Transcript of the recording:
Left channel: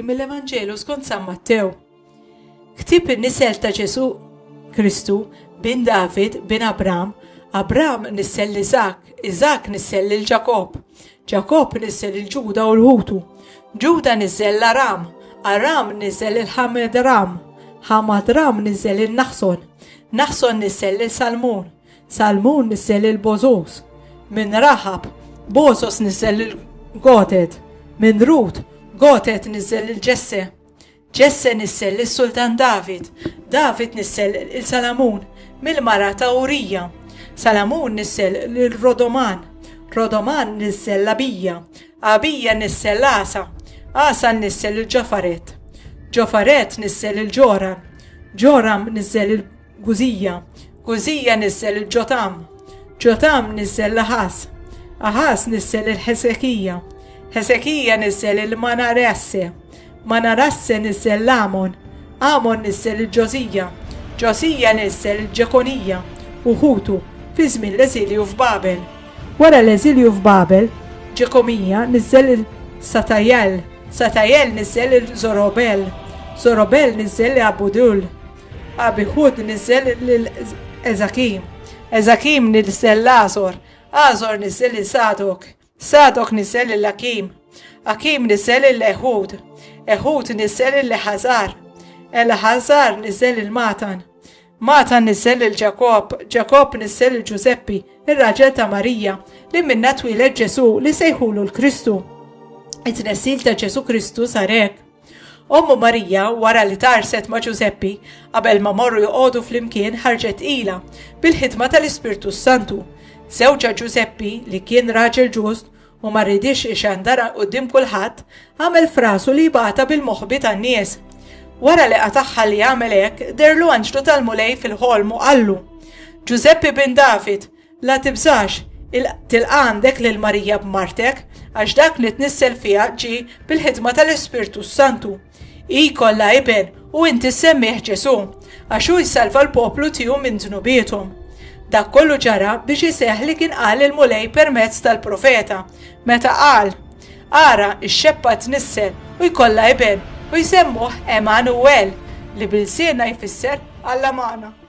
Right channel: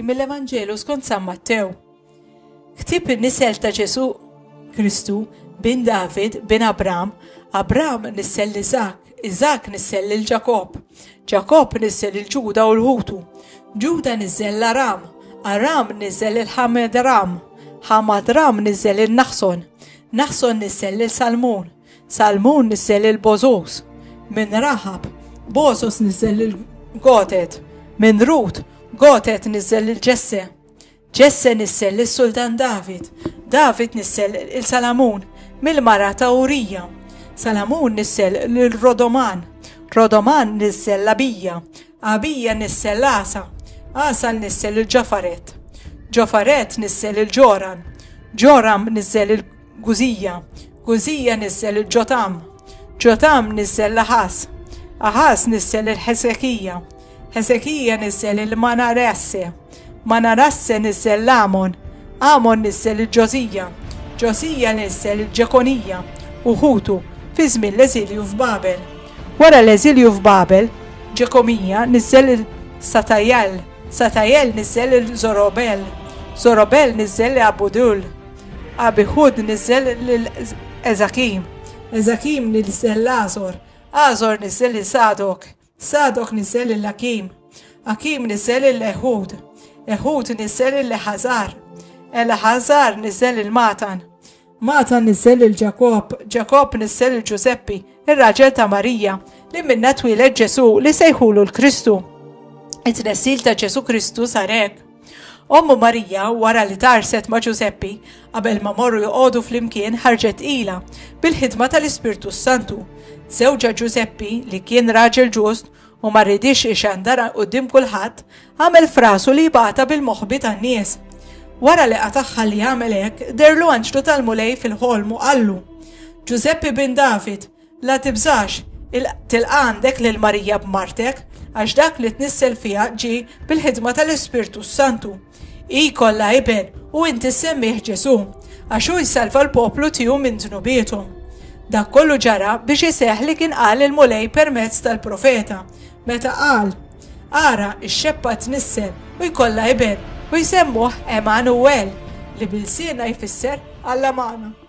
qari mill-Evanġelu skont San Mattew. Ktib in-nisel ta' Ġesu Kristu bin David bin Abram, Abram nissel Iżak, Iżak nissel lil Ġakob, Ġakob nissel il-Ġuda u l-Ħutu, Ġuda nissel l-Aram, Aram nissel il-Ħamedram, Ħamadram nissel il-Naħson, Naħson nissel il-Salmun, Salmun nissel il-Bozos, min Rahab, Bozos nissel il-Goted, min Rut, Goted nissel il-Ġesse, Ġesse nissel il-Sultan David, David nissel il-Salamun, mill-mara ta' Urija, Salamun nissel il-Rodoman, Rodoman nissel l-Abija, Abija nissel l-Asa, Asa nissel il-Ġafaret, Ġafaret nissel il-Ġoram, Ġoram nissel il-Guzija, Guzija nissel il-Ġotam, Ġotam nissel l-Ahas, Ahas nissel il-Hesekija, Hesekija nissel il-Manarasse, Manarasse nissel l-Amon, Amon nissel il-Ġosija, Ġosija nissel il-Ġekonija u Ħutu fi żmien l-eżilju f'Babel. Wara l-eżilju f'Babel, Ġekomija nissel il-Satajel, Satajel nissel il-Zorobel, Zorobel nissel il-Abudul, Abihud nissel il-Ezakim, Ezakim nissel l-Azor, Azor nissel il-Sadok, Sadok nissel il-Akim, Akim nissel il-Ehud, Ehud nissel il-Lehazar, El-Ħazar nissel il-Matan, Matan nissel il-Ġakob, Ġakob nissel il-Ġuseppi, ir-raġel ta' Marija, li minna twilet Ġesu li sejħulu l-Kristu. It-tnessil ta' Ġesu Kristu sarek. Ommu Marija wara li tarset ma' Ġuseppi qabel ma morru joqogħdu flimkien ħarġet ila bil-ħidma tal-Ispirtu Santu. Żewġa Ġuseppi li kien raġel ġust u ma rridix ixandara quddiem kulħadd għamel frasu li jibgħata bil-moħħbi tan-nies. Wara li qataħħa li jagħmel hekk, derlu anġlu tal-mulej fil-ħolm u qallu: Ġuseppi bin David, la tibżax, tilqa' għandek lil Marija b'martek, għax dak li tnissel fiha ġie bil-ħidma tal-Ispirtu Santu. Hi kollha iben u inti semmih Ġesu, għax hu jsalva l-poplu tiegħu minn dnubiethom. Dak kollu ġara biex iseħħ li kien qal il-mulej permezz tal-profeta, meta qal: Ara x-xebba tnissel u jkollha iben u jsemmuh Emanuel li bil-siena jfisser Alla Mana.